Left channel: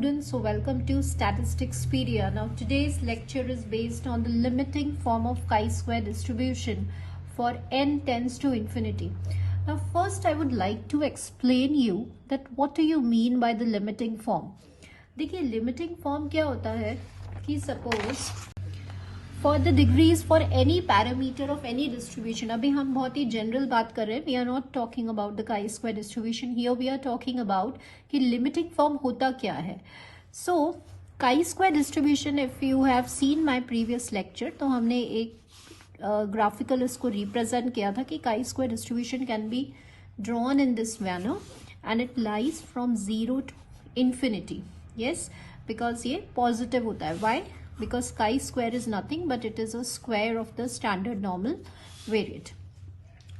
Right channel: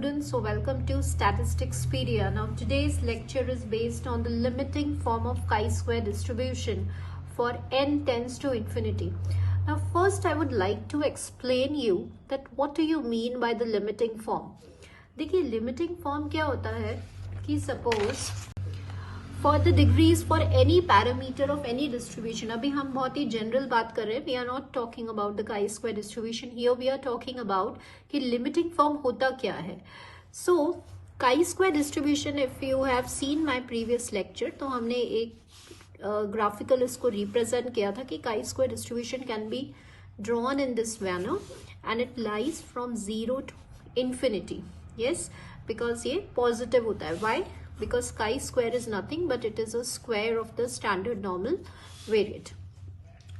students, so welcome to Statisticspedia. Now today's lecture is based on the limiting form of chi-square distribution for n tends to infinity. Now first I would like to explain you that what do you mean by the limiting form. देखिए limiting form क्या होता है कि suppose for the degrees for any parameter of any distribution, अभी हम बहुत ही general बात कर रहे हैं, we are not talking about the chi-square distribution, here we are talking about कि limiting form होता क्या है. So chi-square distribution, if you have seen my previous lecture, तो हमने एक graphical इसको represent किया था कि chi-square distribution can be drawn in this manner and it lies from 0 to infinity. Yes, because ये positive होता है. Why? Because chi-square is nothing but it is a square of the standard normal variate.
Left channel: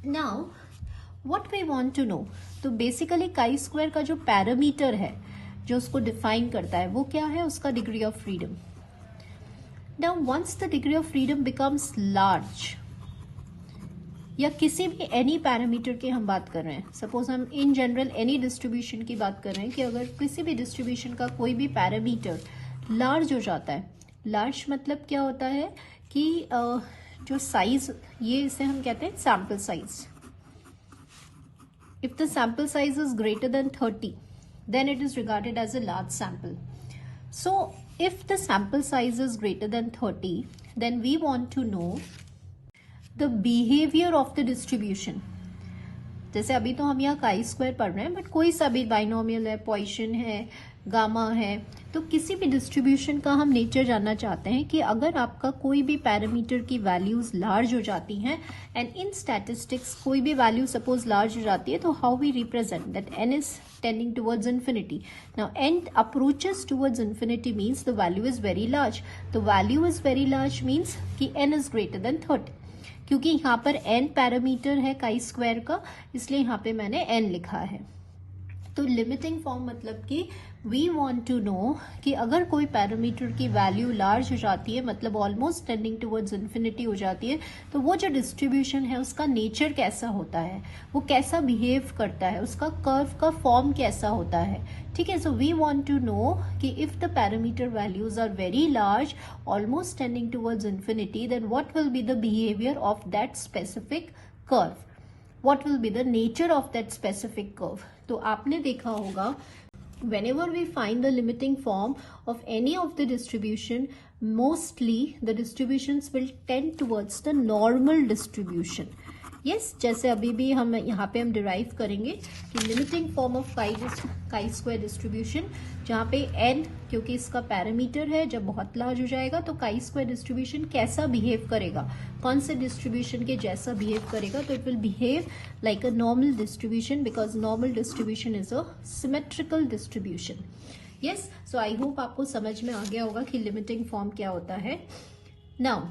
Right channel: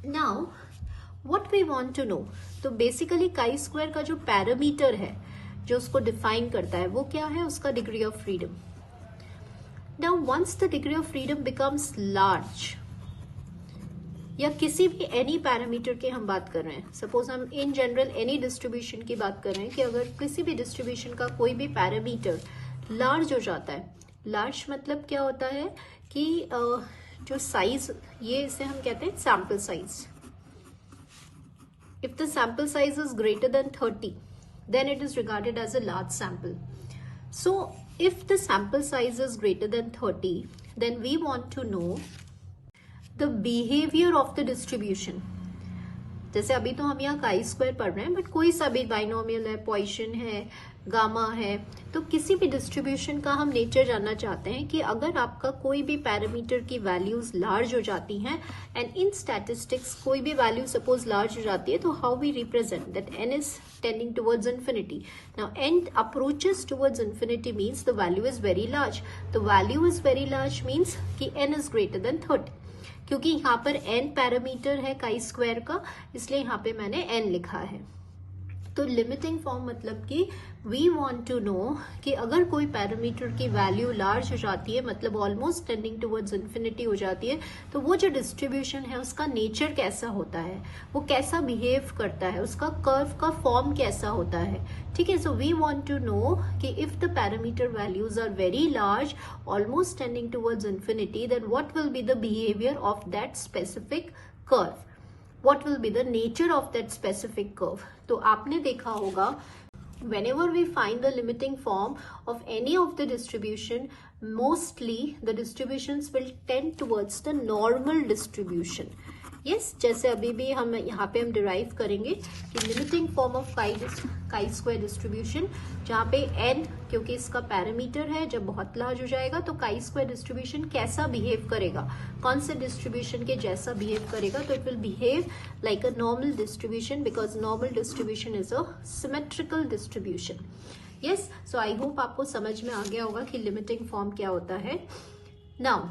Now what we want to know, तो basically chi-square का जो parameter है जो उसको define करता है वो क्या है, उसका degree of freedom. Now once the degree of freedom becomes large, या किसी भी any parameter की हम बात कर रहे हैं, suppose हम in general any distribution की बात कर रहे हैं कि अगर किसी भी distribution का कोई भी parameter large हो जाता है, लार्ज मतलब क्या होता है कि जो साइज, ये इसे हम कहते हैं sample size. If the sample size is greater than 30 then it is regarded as a large sample. So if the sample size is greater than 30 then we want to know the behaviour of the distribution. जैसे अभी तो हम यहाँ chi square पढ़ रहे हैं, but कोई सा भी बाइनोमियल है, पॉइसन है, गामा है, तो किसी भी डिस्ट्रीब्यूशन का हम नेचर जानना चाहते हैं कि अगर आपका कोई भी पैरामीटर की वैल्यूज लार्ज हो जाती हैं एंड इन स्टैटिस्टिक्स कोई भी वैल्यू सपोज लार्ज हो जाती है, तो how we represent that N is tending towards infinity. Now N approaches towards infinity means the value is very large. The value is very large means कि N is greater than 30. क्योंकि यहाँ पर n parameter है chi square का, इसलिए यहाँ पे मैंने n लिखा है. तो लिमिटिंग फॉर्म मतलब कि वी वांट टू नो कि अगर कोई पैरामीटर की वैल्यू लार्ज हो जाती है, मतलब ऑलमोस्ट टेंडिंग टुवर्ड्स इन्फिनिटी हो जाती है, तो वो जो डिस्ट्रीब्यूशन है उसका नेचर कैसा होता है, वो कैसा बिहेव करता है, उसका कर्व का फॉर्म कैसा होता है. ठीक है, so we want to know कि if the parameter values are very large almost tending towards infinity, then what will be the behaviour of that specific curve, what will be the nature of that specific curve. तो आपने देखा होगा whenever we find the limiting form of any of the distribution, mostly the distributions will tend towards the normal distribution. yes, जैसे अभी भी हम यहाँ पे हम डिराइव करेंगे कि limiting form of chi square distribution, जहाँ पे n क्योंकि इसका पैरामीटर है, जब बहुत लार्ज हो जाएगा तो काई स्क्वायर डिस्ट्रीब्यूशन कैसा बिहेव करेगा, कौन से डिस्ट्रीब्यूशन के जैसा बिहेव करेगा, तो it will behave like a normal distribution because normal distribution is a symmetrical distribution. Yes, so I hope आपको समझ में आ गया होगा कि लिमिटिंग फॉर्म क्या होता है. Now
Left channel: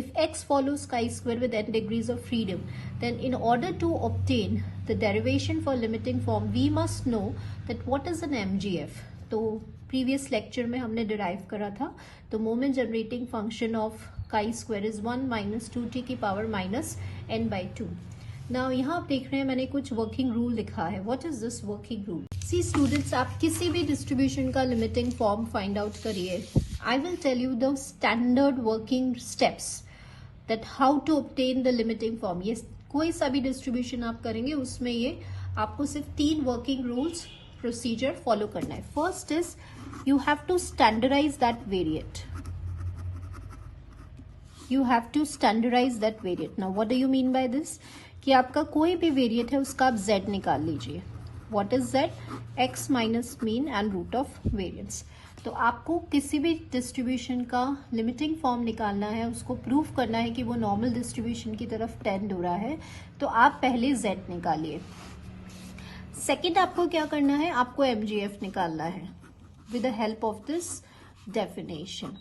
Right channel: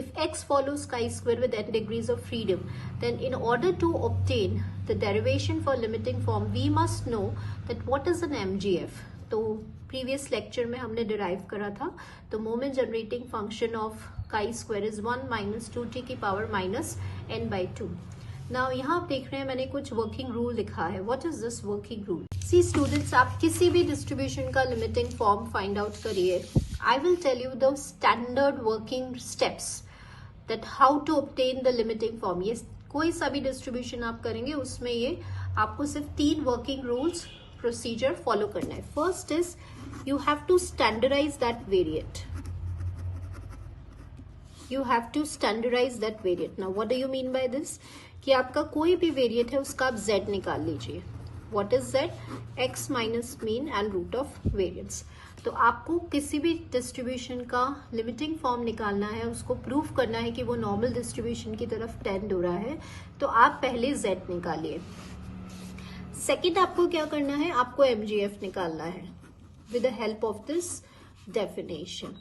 if x follows chi-square with n degrees of freedom, then in order to obtain the derivation for limiting form, we must know that what is an MGF. तो previous lecture में हमने derive करा था, तो moment generating function of chi-square is 1 minus 2t की power minus n by 2. Now यहाँ आप देख रहे हैं मैंने कुछ working rule लिखा है. What is this working rule? See students, आप किसी भी distribution का limiting form find out करिए. I will tell you the standard working steps that how to obtain the limiting form. ये कोई सा भी distribution आप करेंगे उसमें ये आपको सिर्फ 3 working rules procedure follow करना है. First is you have to standardize that variate. You have to standardize that variate. Now what do you mean by this? कि आपका कोई भी variate है उसका आप z निकाल लीजिए. What is z? x minus mean and root of variance. तो आपको किसी भी डिस्ट्रीब्यूशन का लिमिटिंग फॉर्म निकालना है, उसको प्रूव करना है कि वो नॉर्मल डिस्ट्रीब्यूशन की तरफ टेंड हो रहा है, तो आप पहले z निकालिए. सेकंड आपको क्या करना है, आपको MGF निकालना है with the help of this definition.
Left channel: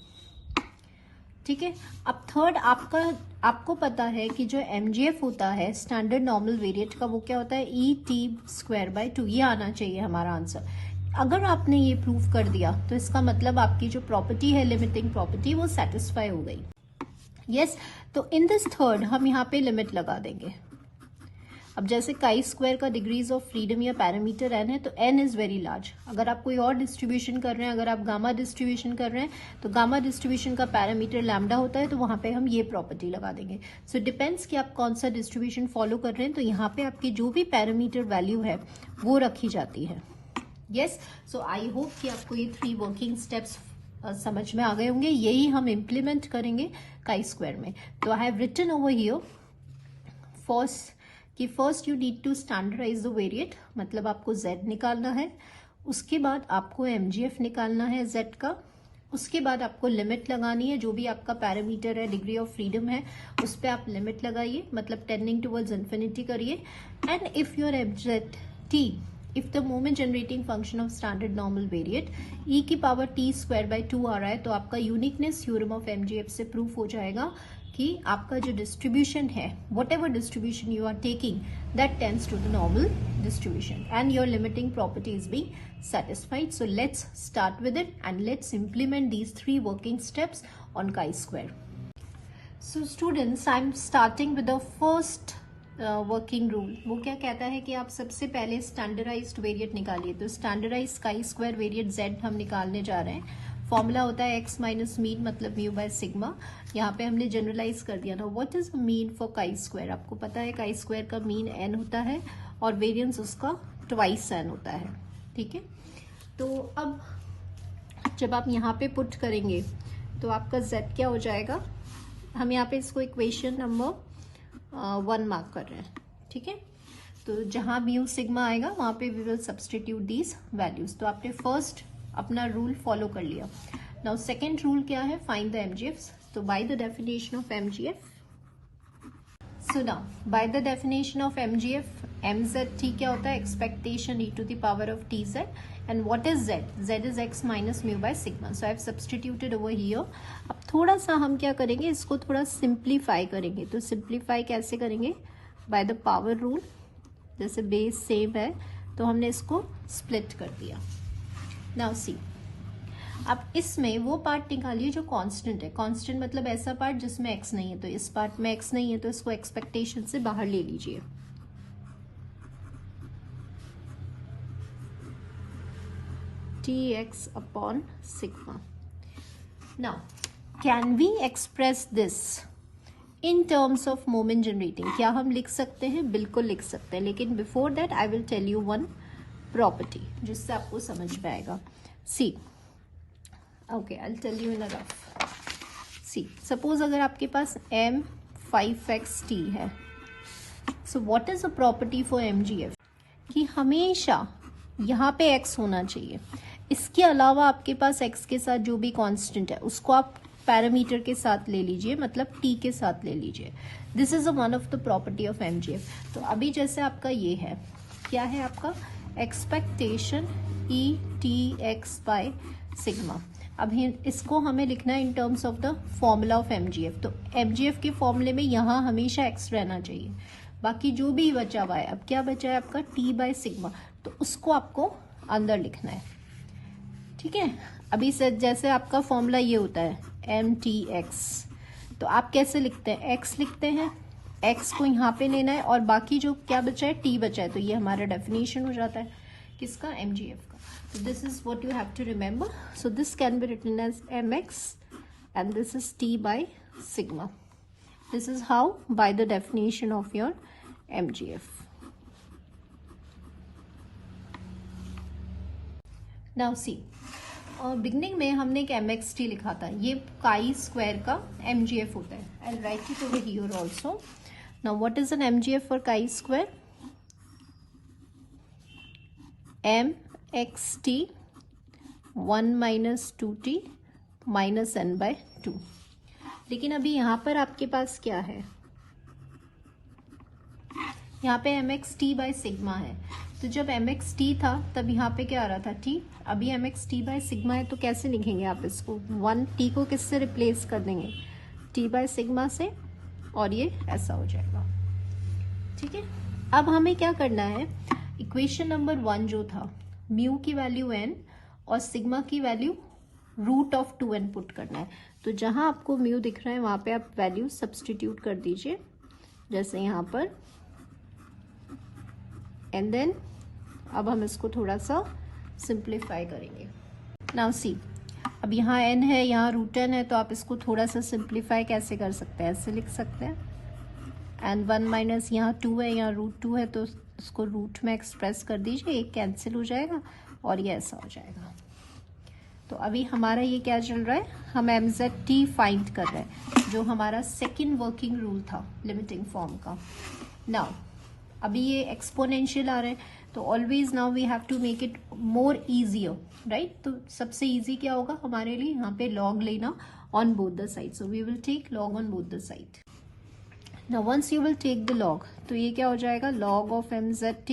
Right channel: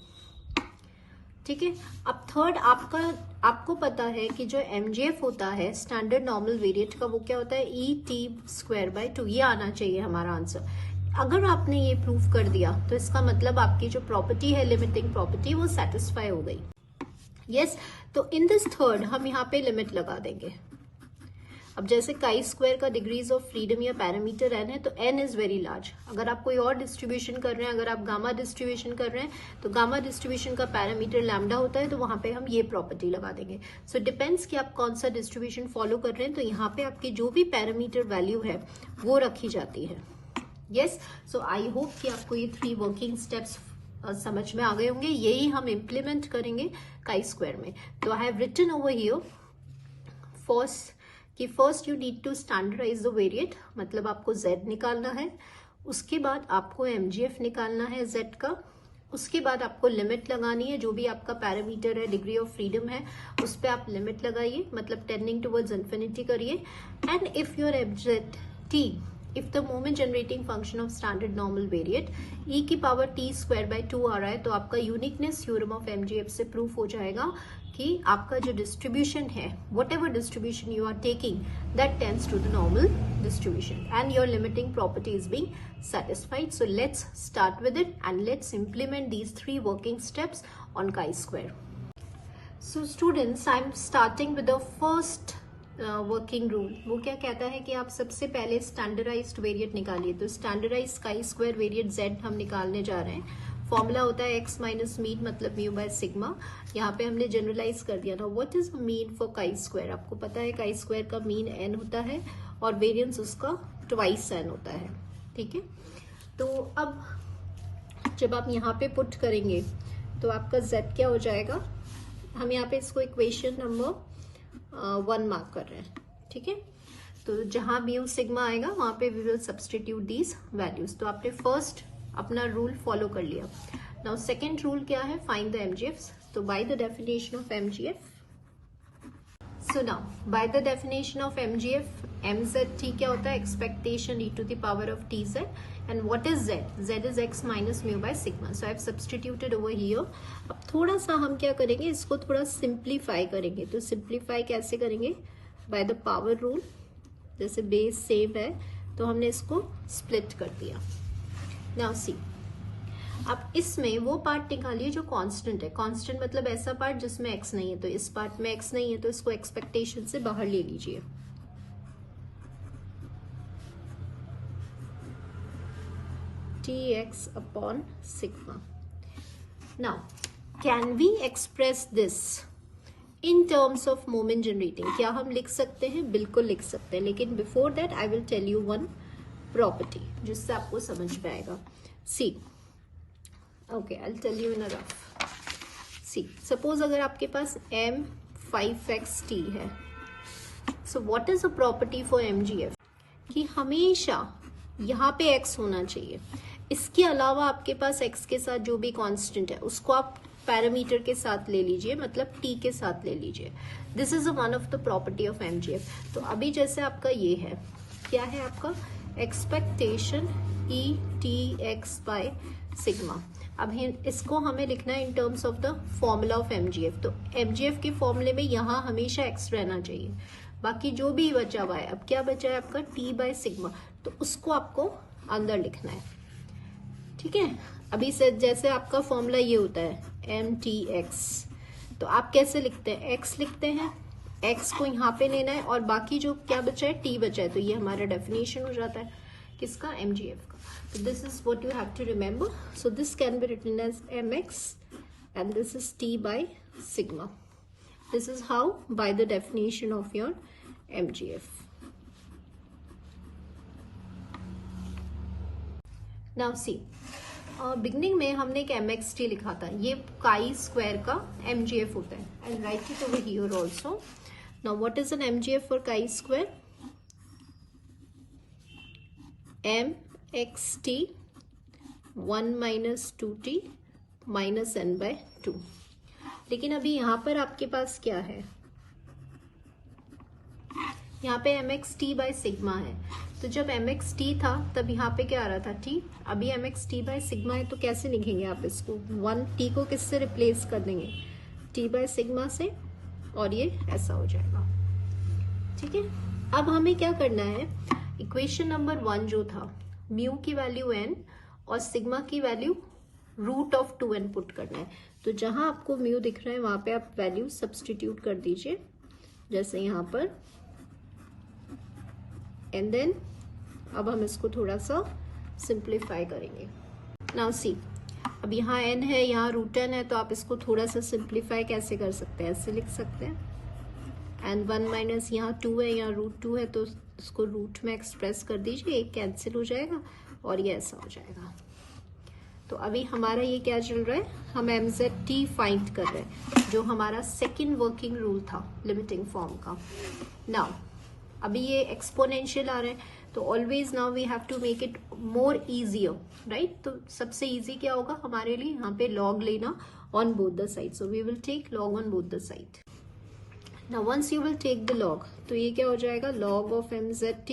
ठीक है, अब थर्ड आपको पता है कि जो MGF होता है स्टैंडर्ड नॉर्मल वेरिएट का, वो क्या होता है ET²/2. ये आना चाहिए हमारा आंसर. अगर आपने ये प्रूव कर दिया तो इसका मतलब आपकी जो प्रॉपर्टी है लिमिटिंग प्रॉपर्टी वो सेटिस्फाई हो गई. यस, तो इन दिस थर्ड हम यहाँ पे लिमिट लगा देंगे. अब जैसे काई स्क्वायर का डिग्रीज ऑफ फ्रीडम या पैरामीटर n है, तो n इज वेरी लार्ज। अगर आप कोई और डिस्ट्रीब्यूशन कर रहे हैं, अगर आप गामा डिस्ट्रीब्यूशन कर रहे हैं, तो गामा डिस्ट्रीब्यूशन का पैरामीटर लैम्डा होता है, तो वहां पे हम ये प्रॉपर्टी लगा देंगे। सो डिपेंड्स कि आप कौन सा डिस्ट्रीब्यूशन फॉलो कर रहे हैं, तो यहाँ पे आपकी जो भी पैरामीटर वैल्यू है वो रखी जाती है। यस, सो आई होप कि आपको ये 3 वर्किंग स्टेप्स समझ में आ गए होंगे। यही हम इम्प्लीमेंट करेंगे काई स्क्वायर में। तो I have written over here first you need to standardise the variate, मतलब आपको z निकालना है। उसके बाद आपको mgf निकालना है z का। उसके बाद आपको लिमिट लगानी है, जो भी आपका पैरामीटर है, डिग्री ऑफ फ्रीडम है, उस पर आप लिमिट लगाइए, मतलब टेंडिंग टुवर्ड्स इन्फिनिटी करिए। And if your abject t, if the moment generating function of standard normal variate e की पावर t स्क्वायर बाई 2 आ रहा है, तो आपका यूनिकनेस थ्योरम ऑफ mgf से प्रूफ हो जाएगा कि आपका जो डिस्ट्रीब्यूशन है, whatever distribution you are taking, that tends to the normal distribution and your limiting property is being satisfied. So let's start with it and let's implement these 3 working steps on chi-square. So students, I'm starting with the first working rule. वो क्या कहता है कि आप सबसे पहले standardised variate निकालिए। तो standardised chi square variate z हम निकालने जा रहे हैं। फॉर्मूला होता है x माइनस मीन मतलब म्यू बाय सिग्मा। यहाँ पे हमने जनरलाइज कर दिया ना। What is mean for chi square? आपको पता है काई स्क्वायर का मीन n होता है और वेरिएंस उसका ट्वाइस n होता है। ठीक है, तो अब जब आप यहाँ पे पुट करेंगे तो आपका z क्या हो जाएगा? हम यहाँ पे इसको इक्वेशन नंबर 1 मार्क कर रहे हैं। ठीक है, तो जहां म्यू सिग्मा आएगा वहां पे we will substitute these values. तो आपने फर्स्ट अपना रूल फॉलो कर लिया। नाउ सेकंड रूल क्या है? Find the MGF. तो by the definition of MGF, so now by the definition of MGF, mzt क्या होता है? Expectation e to the power of tz, and what is z? z is x minus mu by sigma. So I have substituted over here. अब थोड़ा सा हम क्या करेंगे, इसको थोड़ा सिंप्लीफाई करेंगे। तो सिंप्लीफाई कैसे करेंगे? By the power rule. जैसे बेस सेम है तो हमने इसको स्प्लिट कर दिया। नाउ सी, अब इसमें वो पार्ट निकालिए जो कांस्टेंट है। कांस्टेंट मतलब ऐसा पार्ट जिसमें x नहीं है। तो इस पार्ट में x नहीं है, तो इसको एक्सपेक्टेशन से बाहर ले लीजिए। tx upon sigma. Now, can we express this in terms of moment generating? क्या हम लिख सकते हैं? बिल्कुल लिख सकते हैं, लेकिन before that I will tell you one property जिससे आपको समझ में आएगा। See, okay, I'll tell you in a rough. See, suppose अगर आपके पास m5xt है, so what is a property for mgf? कि हमेशा यहाँ पे x होना चाहिए। इसके अलावा आपके पास x के साथ जो भी कांस्टेंट है उसको आप पैरामीटर के साथ ले लीजिए, मतलब t के साथ ले लीजिए। This is one of the property of MGF. तो अभी जैसे आपका ये है, क्या है आपका? Expectation E T x by sigma. अब इसको हमें लिखना है in terms of the formula of MGF. तो एमजीएफ के फॉर्मूले में यहाँ हमेशा x रहना चाहिए। बाकी जो भी बचा हुआ है, अब क्या बचा है आपका? t बाय सिग्मा, तो उसको आपको अंदर लिखना है। ठीक है, अभी से जैसे आपका फॉर्मूला ये होता है mtx, तो आप कैसे लिखते हैं? x लिखते हैं, x को यहाँ पे लेना है और बाकी जो क्या बचा है? t बचा है। तो ये हमारा डेफिनेशन हो जाता है किसका? mgf का। तो this is what you have to remember. So this can be written as mx and this is t by sigma. This is how by the definition of your mgf. Now see, beginning में हमने एक mxt लिखा था। ये chi square का mgf होता है। I write it over here also. Now what is an mgf for chi square? mxt 1 minus 2t minus n by 2। लेकिन अभी यहाँ पर आपके पास क्या है? यहाँ पे mxt बाय सिग्मा है। तो जब mxt था तब यहाँ पे क्या आ रहा था? t। अभी mxt बाय सिग्मा है, तो कैसे लिखेंगे आप इसको? 1t को किससे रिप्लेस कर देंगे? t बाय सिग्मा से, और ये ऐसा हो जाएगा। ठीक है, अब हमें क्या करना है? इक्वेशन नंबर 1 जो था, म्यू की वैल्यू n और सिग्मा की value root of 2n put करना है। तो जहां आपको म्यू दिख रहा है वहां पे आप वैल्यू सब्सटीट्यूट कर दीजिए। जैसे यहाँ पर एंड देन अब हम इसको थोड़ा सा सिंप्लीफाई करेंगे. नाउ सी, अब यहाँ n है, यहाँ √n है, तो आप इसको थोड़ा सा सिंप्लीफाई कैसे कर सकते हैं, ऐसे लिख सकते हैं. एंड 1 माइनस यहाँ 2 है, यहाँ √2 है, तो इसको रूट में एक्सप्रेस कर दीजिए, एक कैंसिल हो जाएगा और ये ऐसा हो जाएगा. तो अभी हमारा ये क्या चल रहा है, हम mzt फाइंड कर रहे हैं, जो हमारा सेकेंड वर्किंग रूल था लिमिटिंग फॉर्म का. नाउ अभी ये एक्सपोनेंशियल आ रहा है, तो always now we have to make it more easier, right. तो सबसे इजी क्या होगा हमारे लिए, यहाँ पे लॉग लेना on both the side. So we will take log on both the side. Now once you will take the log, तो ये क्या हो जाएगा, लॉग ऑफ mzt,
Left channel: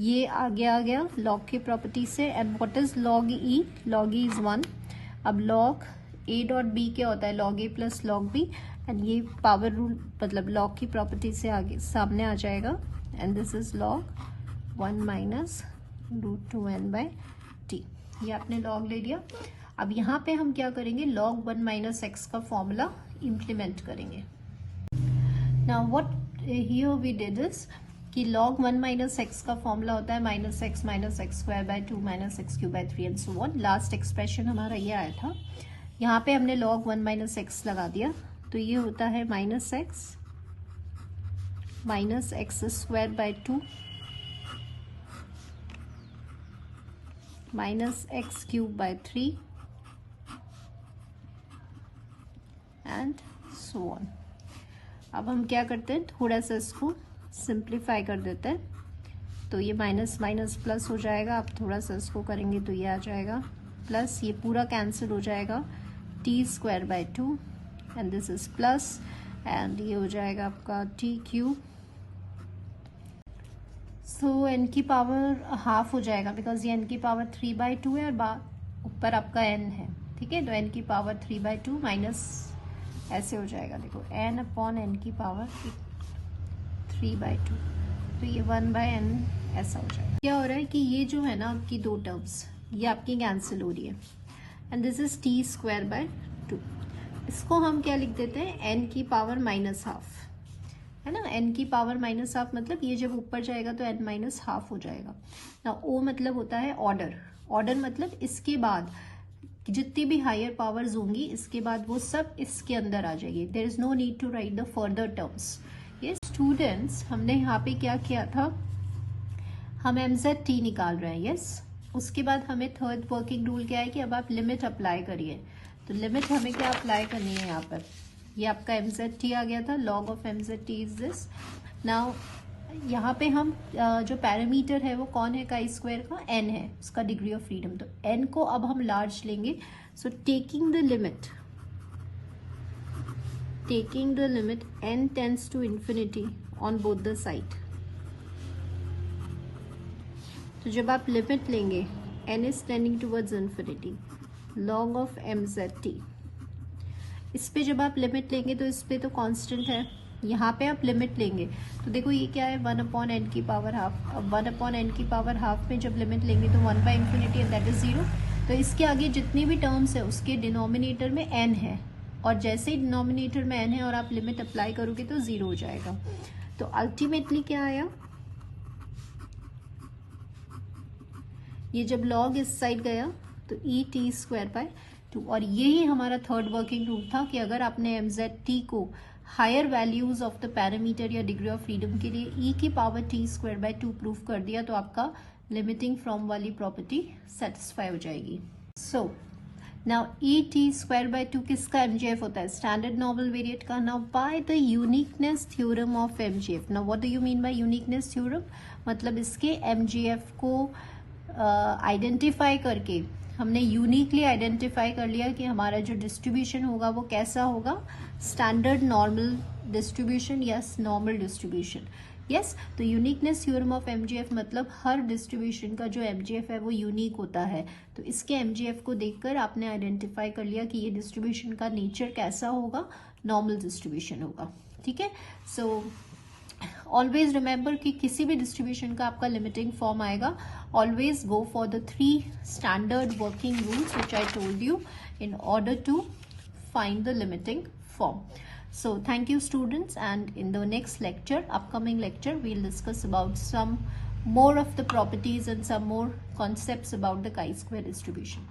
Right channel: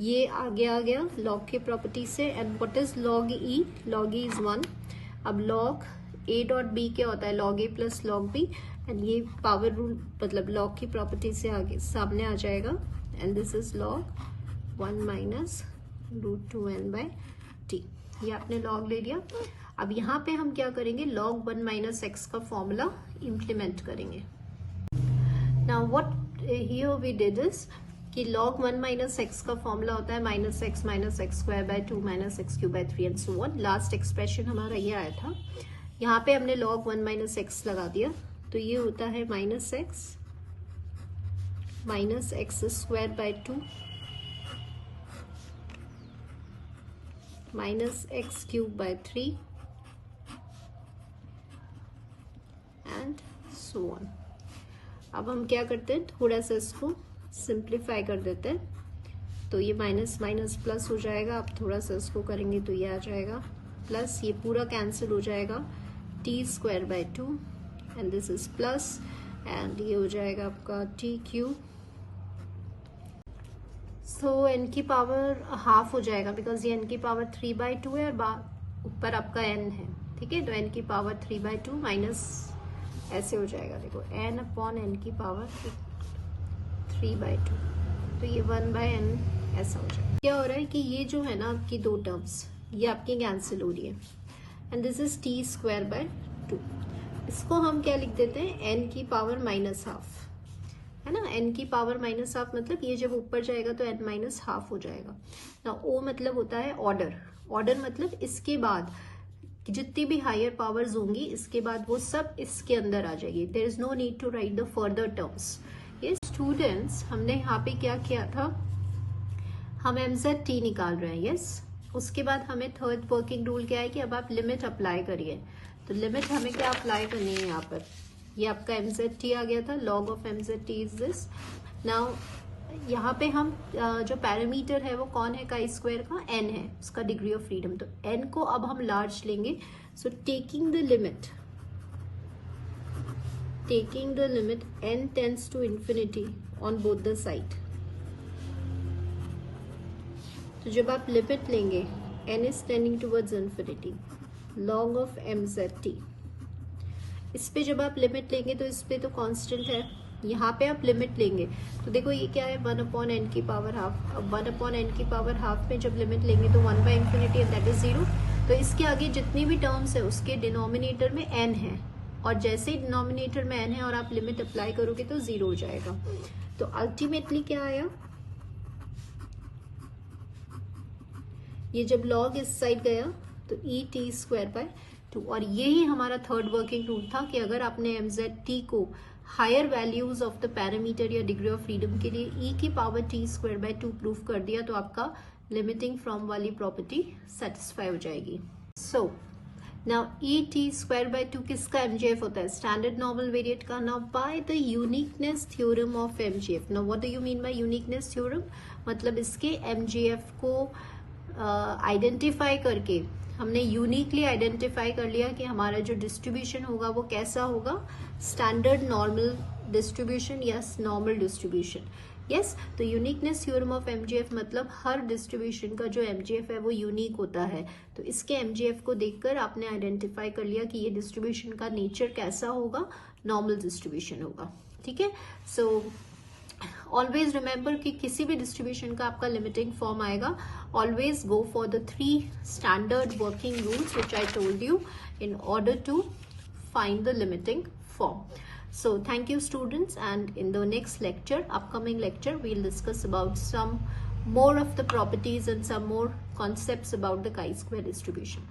ये आगे आ गया लॉग की प्रॉपर्टी से. And what is log E, log E is 1. अब लॉग a डॉट b क्या होता है, log a plus log b. And ये पावर रूल मतलब लॉग की प्रॉपर्टी से आगे सामने आ जाएगा. And this is log 1 minus √2n/t. ये आपने लॉग ले लिया. अब यहाँ पे हम क्या करेंगे, log 1 माइनस एक्स का फॉर्मूला इम्प्लीमेंट करेंगे. Now what here we did is कि log 1 माइनस एक्स का फॉर्मूला होता है -x-x² 2 -x³ 3 and so on. Last expression हमारा ये आया था. यहाँ पे हमने log 1 माइनस एक्स लगा दिया, तो ये होता है -x -x² 2 -x³ 3 and so on. अब हम क्या करते हैं, थोड़ा सा इसको सिंप्लीफाई कर देते हैं. तो ये माइनस माइनस प्लस हो जाएगा. अब थोड़ा सा इसको करेंगे तो ये आ जाएगा प्लस, ये पूरा कैंसिल हो जाएगा, t² 2 and this is plus, and ये हो जाएगा आपका t³. सो n की पावर हाफ हो जाएगा, बिकॉज ये n की पावर 3/2 है और ऊपर आपका n है, ठीक है. तो n की पावर 3/2 माइनस ऐसे हो जाएगा, देखो n अपॉन n की पावर 3/2, तो ये 1/n ऐसा हो जाएगा. क्या हो रहा है कि ये जो है ना आपकी दो टर्म्स, ये आपकी कैंसिल हो रही है. And this is t² 2. इसको हम क्या लिख देते हैं, n की पावर -हाफ, है ना. n की पावर -हाफ मतलब ये जब ऊपर जाएगा तो n -हाफ हो जाएगा ना. o मतलब होता है ऑर्डर. ऑर्डर मतलब इसके बाद जितनी भी हायर पावर्स होंगी, इसके बाद वो सब इसके अंदर आ जाएगी. There is no need to write the further terms. ये स्टूडेंट्स, हमने यहाँ पे क्या किया था, हम mzt निकाल रहे हैं. यस, उसके बाद हमें थर्ड वर्किंग रूल क्या है कि अब आप लिमिट अप्लाई करिए. तो लिमिट हमें क्या अप्लाई करनी है यहाँ पर, ये आपका mzt आ गया था, log of mzt is this. Now यहाँ पे हम जो पैरामीटर है वो कौन है, chi² का n है, उसका डिग्री ऑफ फ्रीडम. तो n को अब हम लार्ज लेंगे. So taking the limit n tends to infinity on both the side. तो जब आप लिमिट लेंगे n is tending towards infinity, log of mzt. इस पे जब आप लिमिट लेंगे तो इस पे तो कांस्टेंट है, यहाँ पे आप लिमिट लेंगे तो देखो ये क्या है, 1/n की पावर हाफ. अब 1/n की पावर हाफ में जब लिमिट लेंगे तो 1/∞ दैट इज 0. तो इसके आगे जितनी भी टर्म्स है उसके डिनोमिनेटर में n है, और जैसे ही डिनोमिनेटर में n है और आप लिमिट अप्लाई करोगे तो 0 हो जाएगा. तो अल्टीमेटली क्या आया, ये जब log इस साइड गया तो et² 2. और यही हमारा थर्ड वर्किंग रूल था कि अगर आपने mzt को higher values of the parameter या डिग्री ऑफ फ्रीडम के लिए e की पावर t² 2 प्रूव कर दिया तो आपका लिमिटिंग फ्रॉम वाली प्रॉपर्टी सेटिस्फाई हो जाएगी. सो नाउ et² 2 किसका mgf होता है, स्टैंडर्ड नॉर्मल वेरिएट का. Now by the uniqueness theorem of mgf. Now what do you mean by uniqueness theorem, मतलब इसके mgf को आइडेंटिफाई करके हमने यूनिकली आइडेंटिफाई कर लिया कि हमारा जो डिस्ट्रीब्यूशन होगा वो कैसा होगा, स्टैंडर्ड नॉर्मल डिस्ट्रीब्यूशन या नॉर्मल डिस्ट्रीब्यूशन. यस, तो यूनिकनेस थ्योरम ऑफ एमजीएफ मतलब हर डिस्ट्रीब्यूशन का जो एमजीएफ है वो यूनिक होता है. तो इसके एमजीएफ को देखकर आपने आइडेंटिफाई कर लिया कि ये डिस्ट्रीब्यूशन का नेचर कैसा होगा, नॉर्मल डिस्ट्रीब्यूशन होगा. ठीक है. सो ऑलवेज रिमेंबर कि किसी भी डिस्ट्रीब्यूशन का आपका लिमिटिंग फॉर्म आएगा, always go for the 3 standard working rules which I told you in order to find the limiting form. So thank you students, and in the next lecture, upcoming lecture, we'll discuss about some more of the properties and some more concepts about the chi-square distribution.